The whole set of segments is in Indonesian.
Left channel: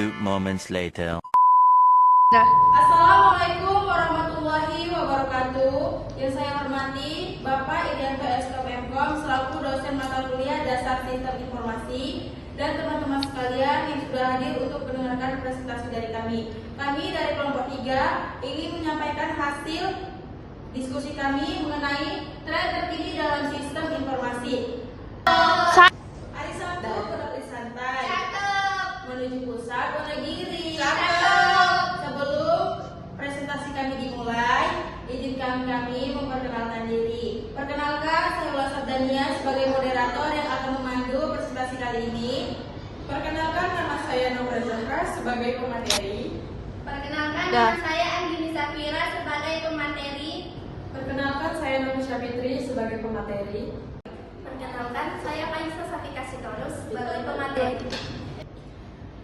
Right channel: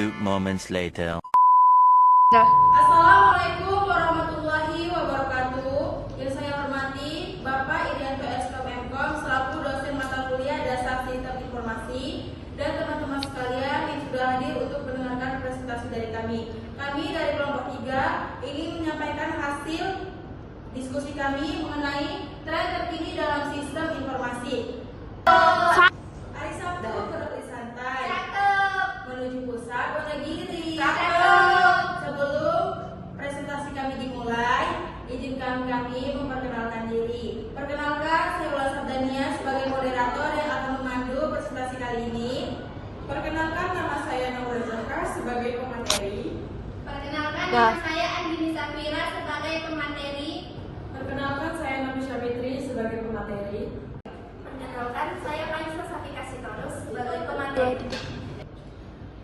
few moments later. Assalamualaikum warahmatullahi wabarakatuh. Yang saya hormati Bapak Irianto SKM Mkom selaku dosen mata kuliah Dasar Sistem Informasi dan teman-teman sekalian yang sudah hadir untuk mendengarkan presentasi dari kami. Kami dari kelompok 3 ingin menyampaikan hasil diskusi kami mengenai tren terkini dalam sistem informasi. Hari Sabtu terlalu santai. Menuju pusat Wonogiri. Sebelum presentasi kami dimulai, izinkan kami memperkenalkan diri. Perkenalkan, saya Ula Sabdania sebagai moderator yang akan memandu presentasi kali ini. Perkenalkan, nama saya Nurul Zaka sebagai pemateri. Perkenalkan, nama saya Andini Safira sebagai pemateri. Perkenalkan, saya Namisha Fitri sebagai pemateri. Perkenalkan, saya Aisyah Satika Sitorus sebagai pemateri.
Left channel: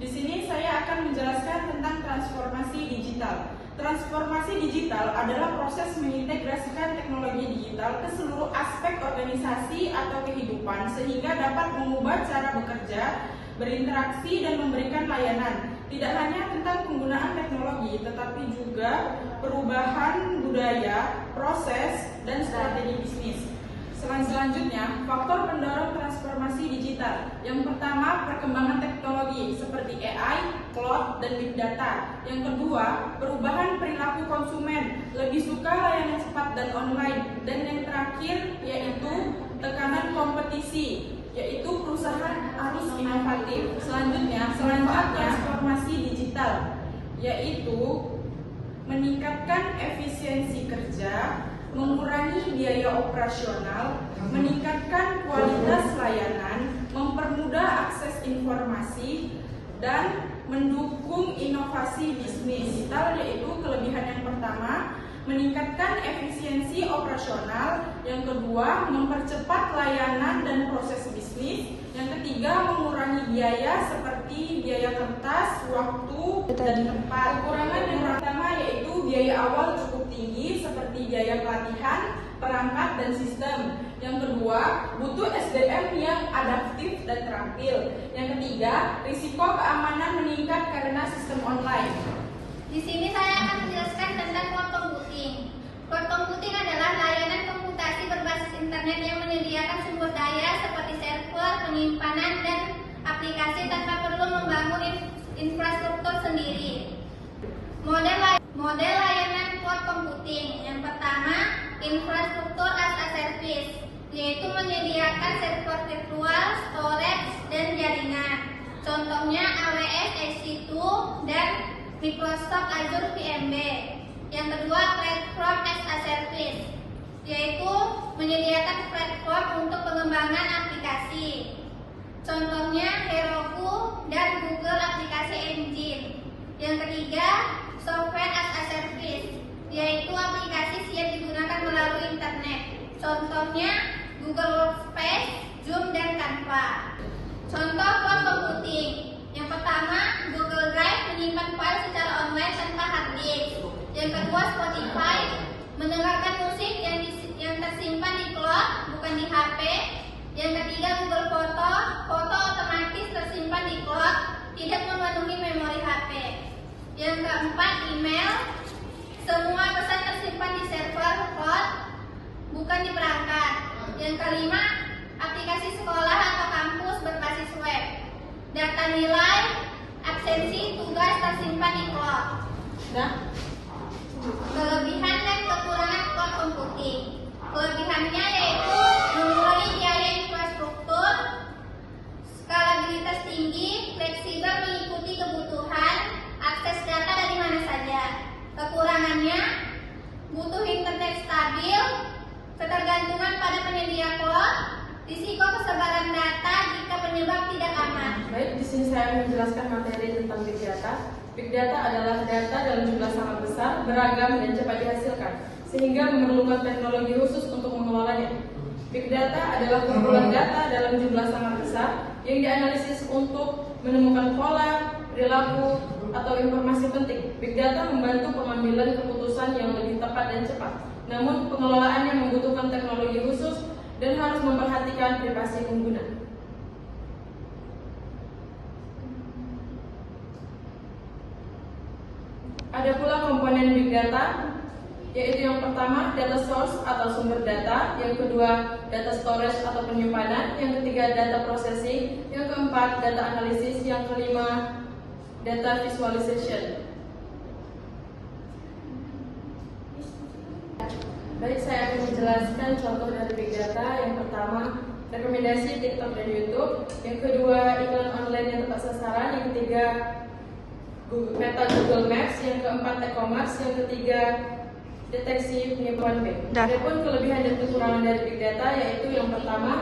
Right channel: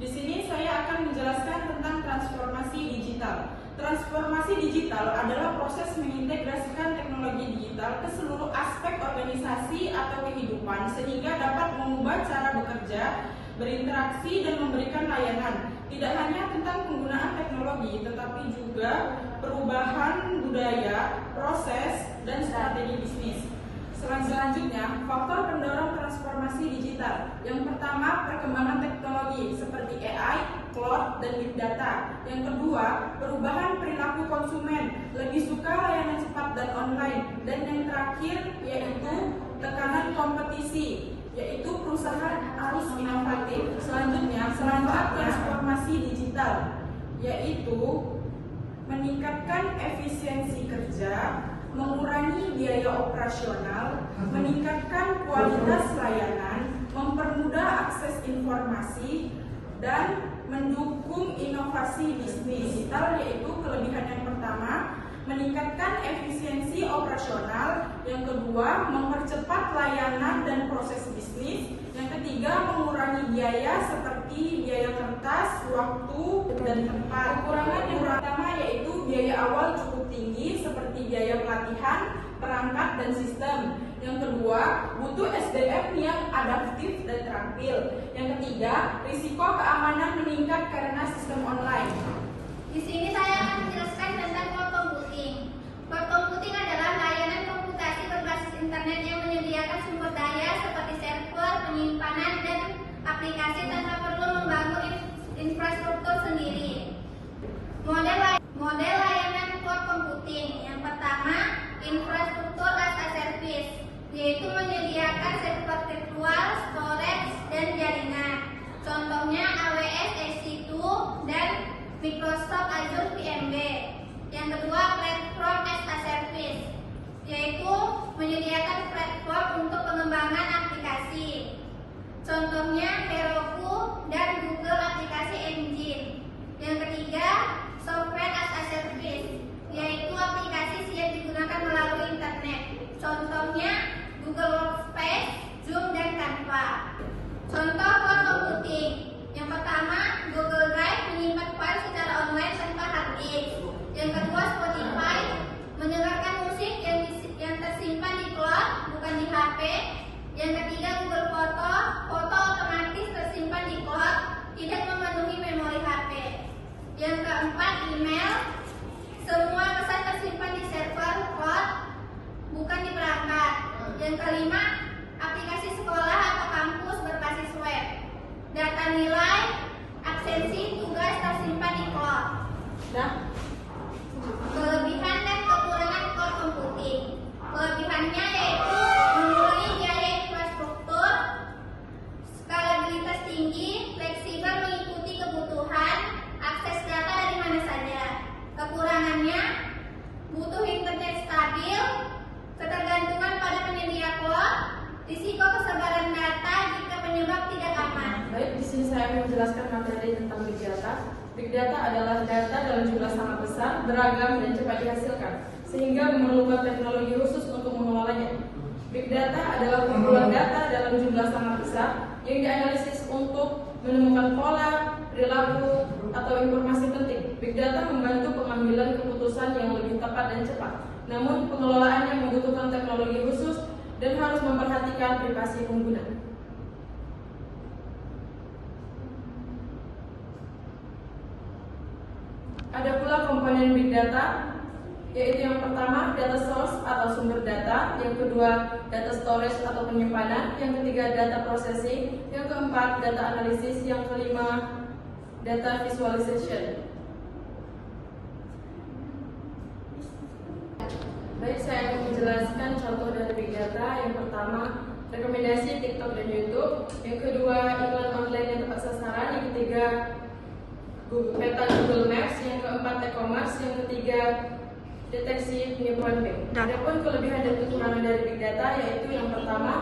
Di sini saya akan menjelaskan tentang transformasi digital. Transformasi digital adalah proses mengintegrasikan teknologi digital ke seluruh aspek organisasi atau kehidupan sehingga dapat mengubah cara bekerja, berinteraksi, dan memberikan layanan. Tidak hanya tentang penggunaan teknologi, tetapi juga perubahan budaya, proses, dan strategi bisnis. Selanjutnya, faktor pendorong transformasi digital. Yang pertama, perkembangan teknologi seperti AI, cloud, dan big data. Yang kedua, perubahan perilaku konsumen, lebih suka layanan cepat dan online. Dan yang terakhir, yaitu tekanan kompetisi, yaitu perusahaan harus inovatif. Selanjutnya, transformasi digital, yaitu meningkatkan efisiensi kerja, mengurangi biaya operasional, meningkatkan kualitas layanan, mempermudah akses informasi, dan mendukung inovasi bisnis digital, yaitu kelebihan yang pertama, meningkatkan efisiensi operasional, yang kedua, mempercepat layanan dan proses bisnis, yang ketiga, mengurangi biaya seperti biaya kertas, waktu, dan tempat. Kekurangan yang pertama yaitu biaya awal cukup tinggi seperti biaya pelatihan, perangkat, dan sistem. Yang kedua, butuh SDM yang adaptif dan terampil. Yang ketiga, risiko keamanan meningkat karena sistem online. Di sini saya akan menjelaskan tentang cloud computing. Cloud computing adalah layanan komputasi berbasis internet yang menyediakan sumber daya seperti server, penyimpanan, dan aplikasi tanpa perlu membangun infrastruktur sendiri. Model layanan cloud computing yang pertama, infrastruktur as a service, yaitu menyediakan server virtual, storage, dan jaringan. Contohnya AWS EC2 dan Microsoft Azure VMware. Yang kedua, platform as a service, yaitu menyediakan platform untuk pengembangan aplikasi. Contohnya Heroku dan Google Aplikasi Engine. Yang ketiga, software as a service, yaitu aplikasi yang digunakan melalui internet. Contohnya Google Workspace, Zoom, dan Canva. Contoh cloud computing. Yang pertama, Google Drive menyimpan file secara online tanpa hard disk. Yang kedua, Spotify mendengarkan musik yang tersimpan di cloud, bukan di HP. Yang ketiga, Google Foto otomatis tersimpan di cloud, tidak memenuhi memori HP. Yang keempat, email, semua pesan tersimpan di server cloud, bukan di perangkat. Yang kelima, aplikasi sekolah atau kampus berbasis web. Data nilai, absensi, tugas tersimpan di cloud. Kelebihan dan kekurangan cloud computing. Kelebihannya yaitu mengurangi biaya infrastruktur, skalabilitas tinggi, fleksibel mengikuti kebutuhan, akses data dari mana saja. Kekurangannya, butuh internet stabil, ketergantungan pada penyedia cloud, risiko kesebaran data jika penyebab tidak aman. Baik, di sini saya akan menjelaskan materi tentang big data. Big data adalah data dalam jumlah sangat besar, beragam, dan cepat dihasilkan, sehingga memerlukan teknologi khusus untuk mengelolanya. Big data adalah kumpulan data dalam jumlah sangat besar yang dianalisis untuk menemukan pola, perilaku, atau informasi penting. Big data membantu pengambilan keputusan yang lebih tepat dan cepat. Namun pengelolaannya membutuhkan teknologi khusus dan harus memperhatikan privasi pengguna. Ada pula komponen big data, yaitu yang pertama data source atau sumber data, yang kedua data storage atau penyimpanan, yang ketiga data processing, yang keempat data analisis, yang kelima data visualization. Baik, saya akan menjelaskan contoh dari big data. Yang pertama, rekomendasi TikTok dan YouTube. Yang kedua, iklan online yang tepat sasaran. Yang ketiga, peta Google Maps. Yang keempat, e-commerce. Yang ketiga, deteksi penipuan bank. Adapun kelebihan dan kekurangan dari big data, yaitu yang pertama,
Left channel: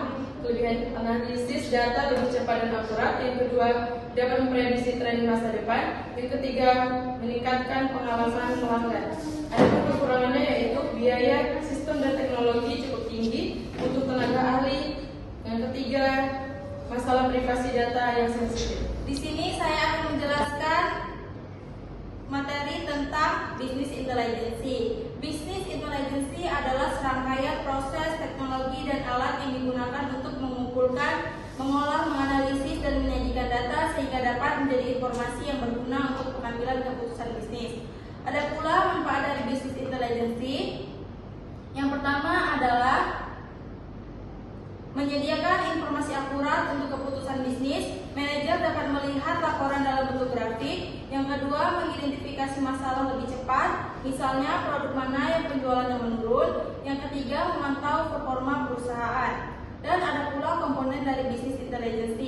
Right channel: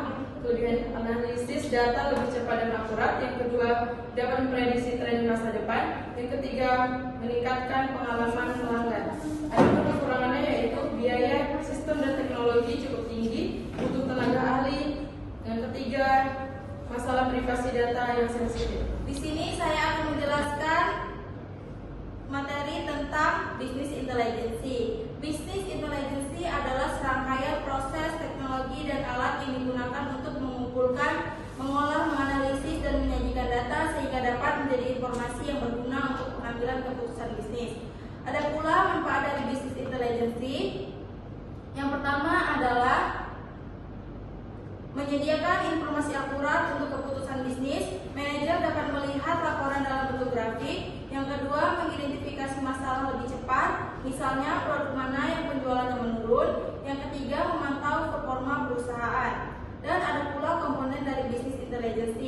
kelebihan analisis data lebih cepat dan akurat. Yang kedua, dapat memprediksi tren masa depan. Yang ketiga, meningkatkan pengalaman pelanggan. Adapun kekurangannya yaitu biaya sistem dan teknologi cukup tinggi, butuh tenaga ahli. Yang ketiga, masalah privasi data yang sensitif. Di sini saya akan menjelaskan materi tentang business intelligence. Business intelligence adalah serangkaian proses, teknologi, dan alat yang digunakan untuk mengumpulkan, mengolah, menganalisis, dan menyajikan data sehingga dapat menjadi informasi yang berguna untuk pengambilan keputusan bisnis. Ada pula manfaat dari business intelligence. Yang pertama adalah menyediakan informasi akurat untuk keputusan bisnis. Manajer dapat melihat laporan dalam bentuk grafik. Yang kedua, mengidentifikasi masalah lebih cepat, misalnya produk mana yang penjualannya menurun. Yang ketiga, memantau performa perusahaan. Dan ada pula komponen dari business intelligence.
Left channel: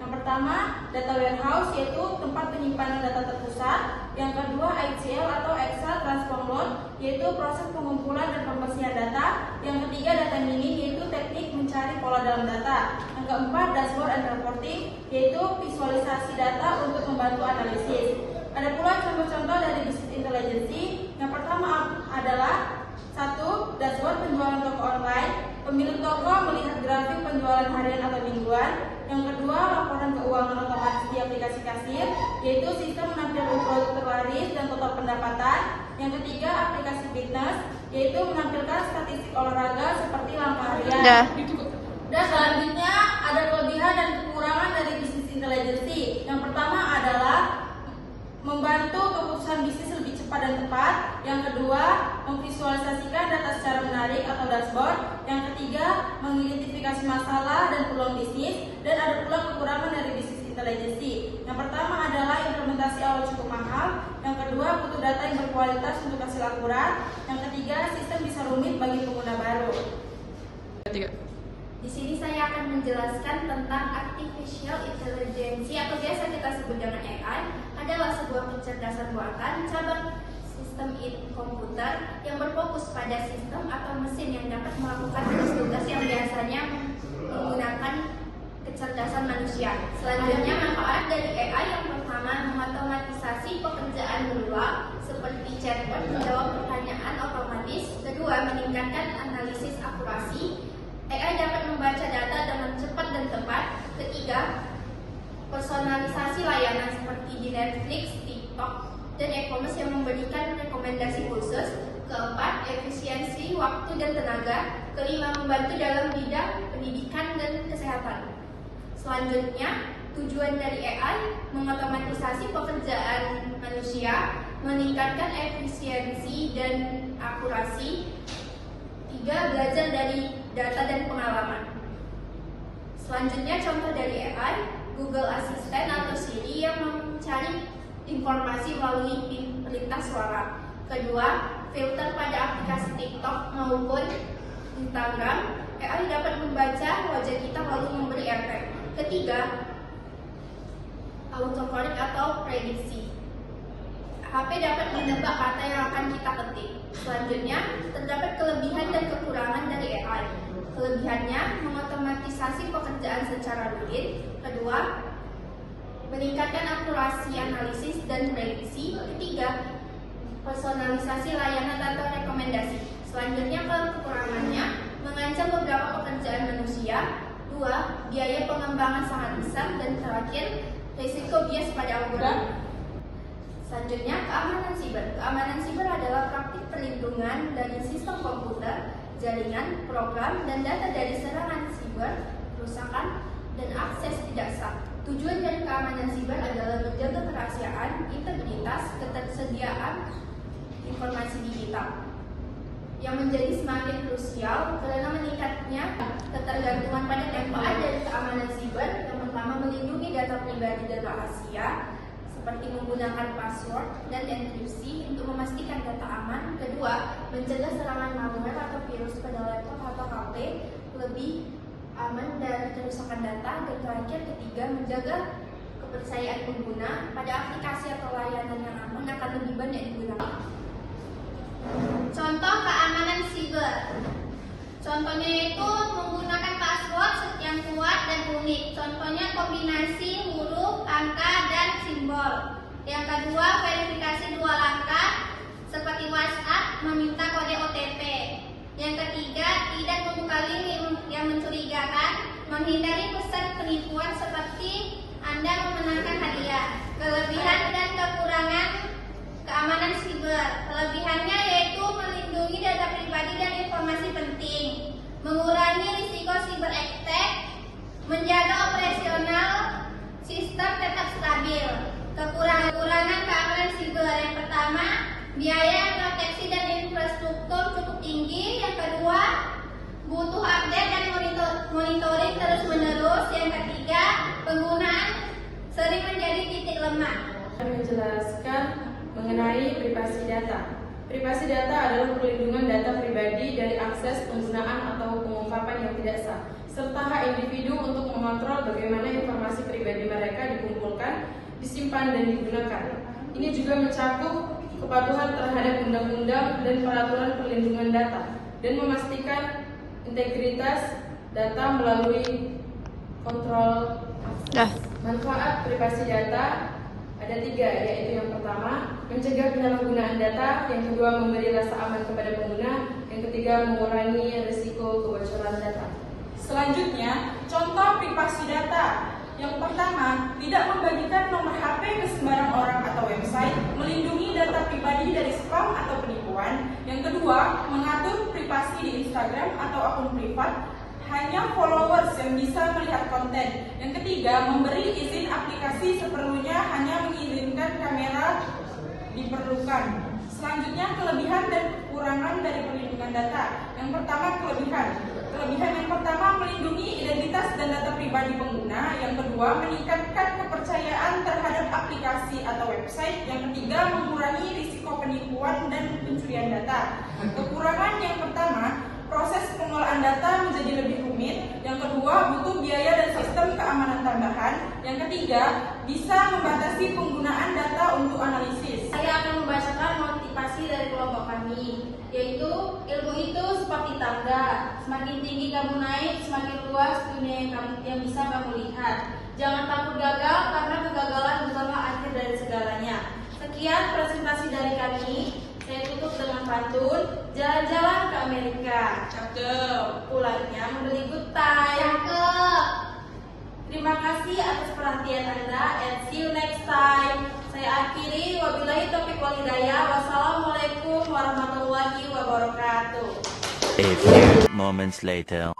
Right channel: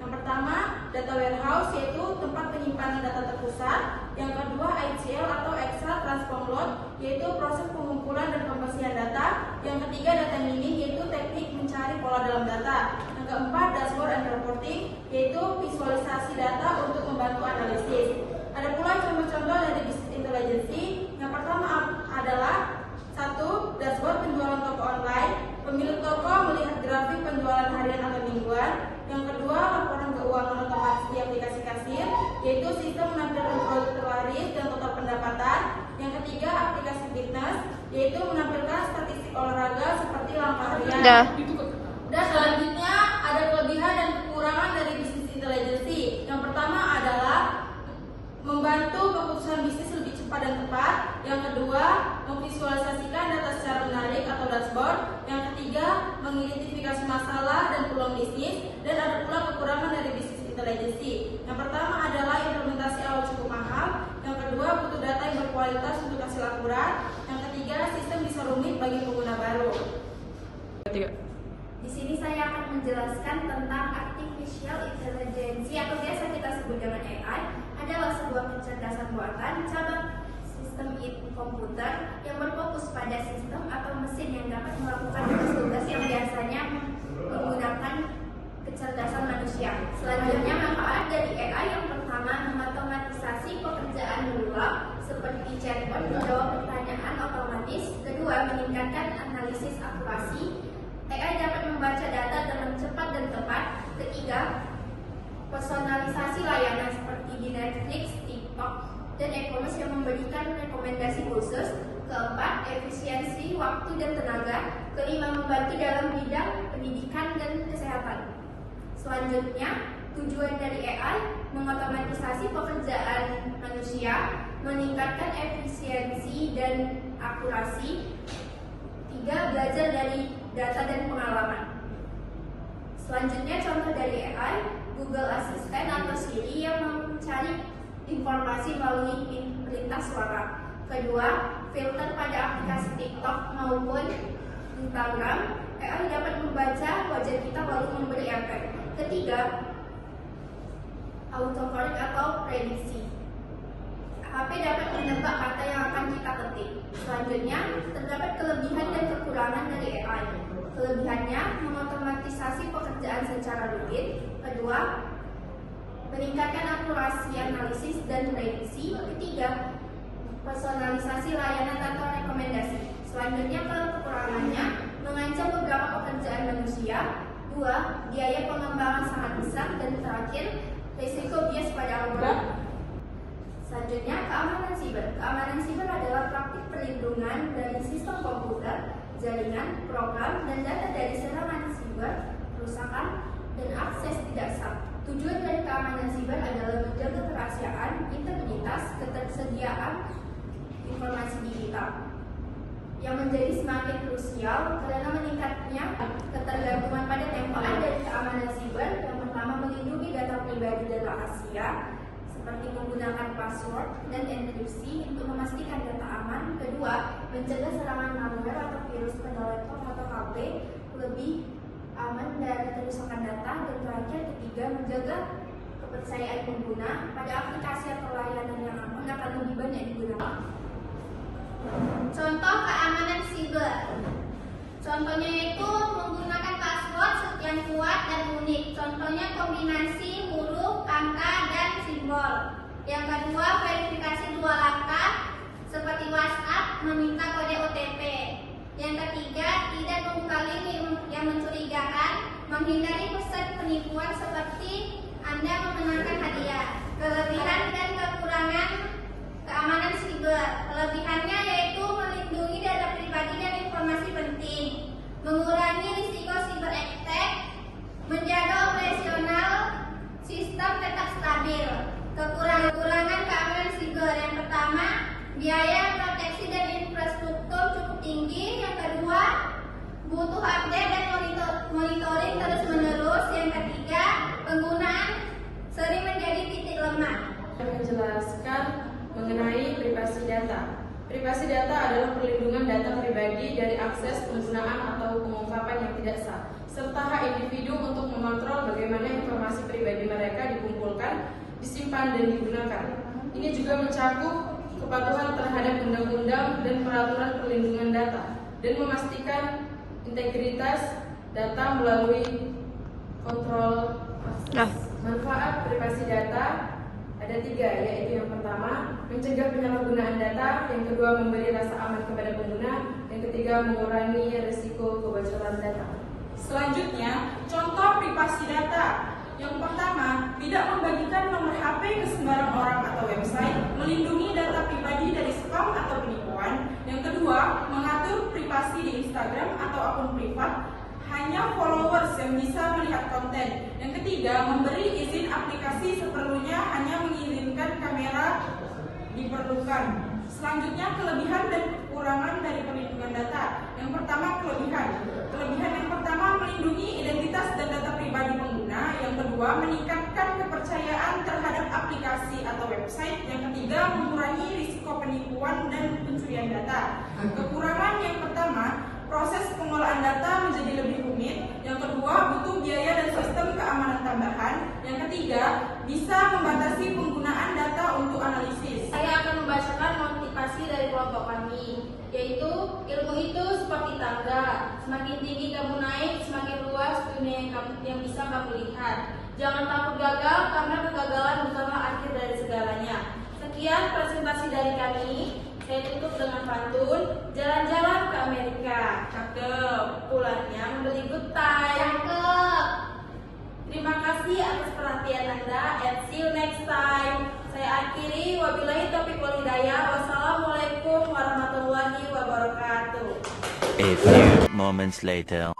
Yang pertama, data warehouse, yaitu tempat penyimpanan data terpusat. Yang kedua, ETL atau extract transform load, yaitu proses pengumpulan dan pembersihan data. Yang ketiga, data mining, yaitu teknik mencari pola dalam data. Yang keempat, dashboard and reporting, yaitu visualisasi data untuk membantu analisis. Ada pula contoh-contoh dari business intelligence. Yang pertama adalah 1. Dashboard penjualan toko online. Pemilik toko melihat grafik penjualan harian atau mingguan. Yang kedua, laporan keuangan otomatis di aplikasi kasir, yaitu sistem menampilkan produk terlaris dan total pendapatan. Yang ketiga, aplikasi fitness, yaitu menampilkan statistik olahraga seperti langkah harian. Dan selanjutnya ada kelebihan dan kekurangan dari business intelligence. Yang pertama adalah membantu keputusan bisnis lebih cepat dan tepat. Yang kedua, memvisualisasikan data secara menarik atau dashboard. Yang ketiga, mengidentifikasi masalah dan peluang bisnis. Dan ada pula kekurangan dari business intelligence. Yang pertama adalah implementasi awal cukup mahal. Yang kedua, butuh data yang berkualitas untuk hasil akurat. Yang ketiga, sistem bisa rumit bagi pengguna baru. Di sini saya akan menjelaskan tentang artificial intelligence atau biasa kita sebut dengan AI. Adalah sebuah kecerdasan buatan cabang sistem komputer yang berfokus pada sistem atau mesin yang dapat melakukan tugas-tugas yang biasanya menggunakan kecerdasan manusia. Selanjutnya, manfaat dari AI yang pertama, mengotomatisasi pekerjaan berulang seperti chatbot menjawab pertanyaan otomatis. Kedua, meningkatkan analisis akurasi. AI dapat membaca data dengan cepat dan tepat. Ketiga, personalisasi layanan seperti di Netflix, TikTok, dan e-commerce yang memberikan rekomendasi khusus. Keempat, efisiensi waktu dan tenaga. Kelima, membantu dalam bidang pendidikan dan kesehatan. Selanjutnya, tujuan dari AI mengotomatisasi pekerjaan manusia, meningkatkan efisiensi dan akurasi. Tiga, belajar dari data dan pengalaman. Selanjutnya, contoh dari AI, Google Assistant atau Siri yang mencari informasi melalui perintah suara. Kedua, filter pada aplikasi TikTok maupun Instagram. AI dapat membaca wajah kita lalu memberi efek. Ketiga, autocorrect atau prediksi. HP dapat menebak kata yang akan kita ketik. Selanjutnya, terdapat kelebihan dan kekurangan dari AI. Kelebihannya, mengotomatisasi pekerjaan secara rutin. Kedua, meningkatkan akurasi analisis dan prediksi. Ketiga, personalisasi layanan atau rekomendasi. Selanjutnya, kekurangannya, mengancam beberapa pekerjaan manusia. Dua, biaya pengembangan sangat besar. Dan terakhir, risiko bias pada algoritma. Selanjutnya, keamanan siber. Keamanan siber adalah praktik perlindungan dari sistem komputer, jaringan, program, dan data dari serangan siber, kerusakan, dan akses tidak sah. Tujuan dari keamanan siber adalah menjaga kerahasiaan, integritas, ketersediaan ketersediaan informasi digital yang menjadi semakin krusial karena meningkatnya ketergantungan pada tempohan dari keamanan siber. Yang pertama, melindungi data pribadi dan rahasia seperti menggunakan password dan enkripsi untuk memastikan data aman. Kedua, mencegah serangan malware atau virus pada laptop atau HP lebih aman dari kerusakan data. Dan terakhir, ketiga, menjaga kepercayaan pengguna pada aplikasi atau layanan yang aman akan lebih banyak digunakan. Contoh keamanan siber. Contohnya yaitu menggunakan password yang kuat dan unik. Contohnya kombinasi huruf, angka, dan simbol. Yang kedua, verifikasi 2 langkah seperti WhatsApp meminta kode OTP. Yang ketiga, tidak membuka link yang mencurigakan, menghindari pesan penipuan seperti Anda memenangkan hadiah. Kelebihan dan kekurangan keamanan siber. Kelebihannya yaitu melindungi data pribadi dan informasi penting, mengurangi risiko cyber attack, menjaga operasional sistem tetap stabil. Kekurangan keamanan siber, yang pertama, biaya proteksi dan infrastruktur cukup tinggi. Yang kedua, butuh update dan monitoring terus-menerus. Yang ketiga, penggunaan sering menjadi titik lemah. Menjelaskan mengenai privasi data. Privasi data adalah perlindungan data pribadi dari akses, penggunaan, atau pengungkapan yang tidak sah, serta hak individu untuk mengontrol bagaimana informasi pribadi mereka dikumpulkan, disimpan, dan digunakan. Ini juga mencakup kepatuhan terhadap undang-undang dan peraturan perlindungan data, dan memastikan integritas data melalui kontrol. Manfaat privasi data ada 3, yaitu yang pertama, mencegah penyalahgunaan data. Yang kedua, memberi rasa aman kepada pengguna. Yang ketiga, mengurangi risiko kebocoran data. Selanjutnya, contoh privasi data. Yang pertama, tidak membagikan nomor HP ke sembarang orang atau website, melindungi data pribadi dari spam atau penipuan. Yang kedua, mengatur privasi di Instagram atau akun privat, hanya followers yang bisa melihat konten. Yang ketiga, memberi izin aplikasi seperlunya, hanya mengirimkan kamera diperlukan. Selanjutnya, kelebihan dan kekurangan dari perlindungan data. Yang pertama, kelebihan. Kelebihan yang pertama, melindungi identitas dan data pribadi pengguna. Yang kedua, meningkatkan kepercayaan terhadap aplikasi atau website. Yang ketiga, mengurangi risiko penipuan dan pencurian data. Kekurangan yang pertama, proses pengelolaan data menjadi lebih rumit. Yang kedua, butuh biaya dan sistem keamanan tambahan. Yang ketiga, bisa membatasi penggunaan data untuk analisis. Saya akan membacakan motivasi dari kelompok kami, yaitu ilmu itu seperti tangga, semakin tinggi kamu naik, semakin luas dunia yang bisa kamu lihat. Jangan takut gagal, karena kegagalan bukanlah akhir dari segalanya. Sekian presentasi dari kami. Saya tutup dengan pantun, jalan-jalan ke Amerika. Cakep. Pulangnya membeli good time. Cakep. Terima kasih atas perhatian Anda, and see you next time. Saya akhiri, wabillahi taufiq wal hidayah. Wassalamualaikum warahmatullahi wabarakatuh. A few moments later.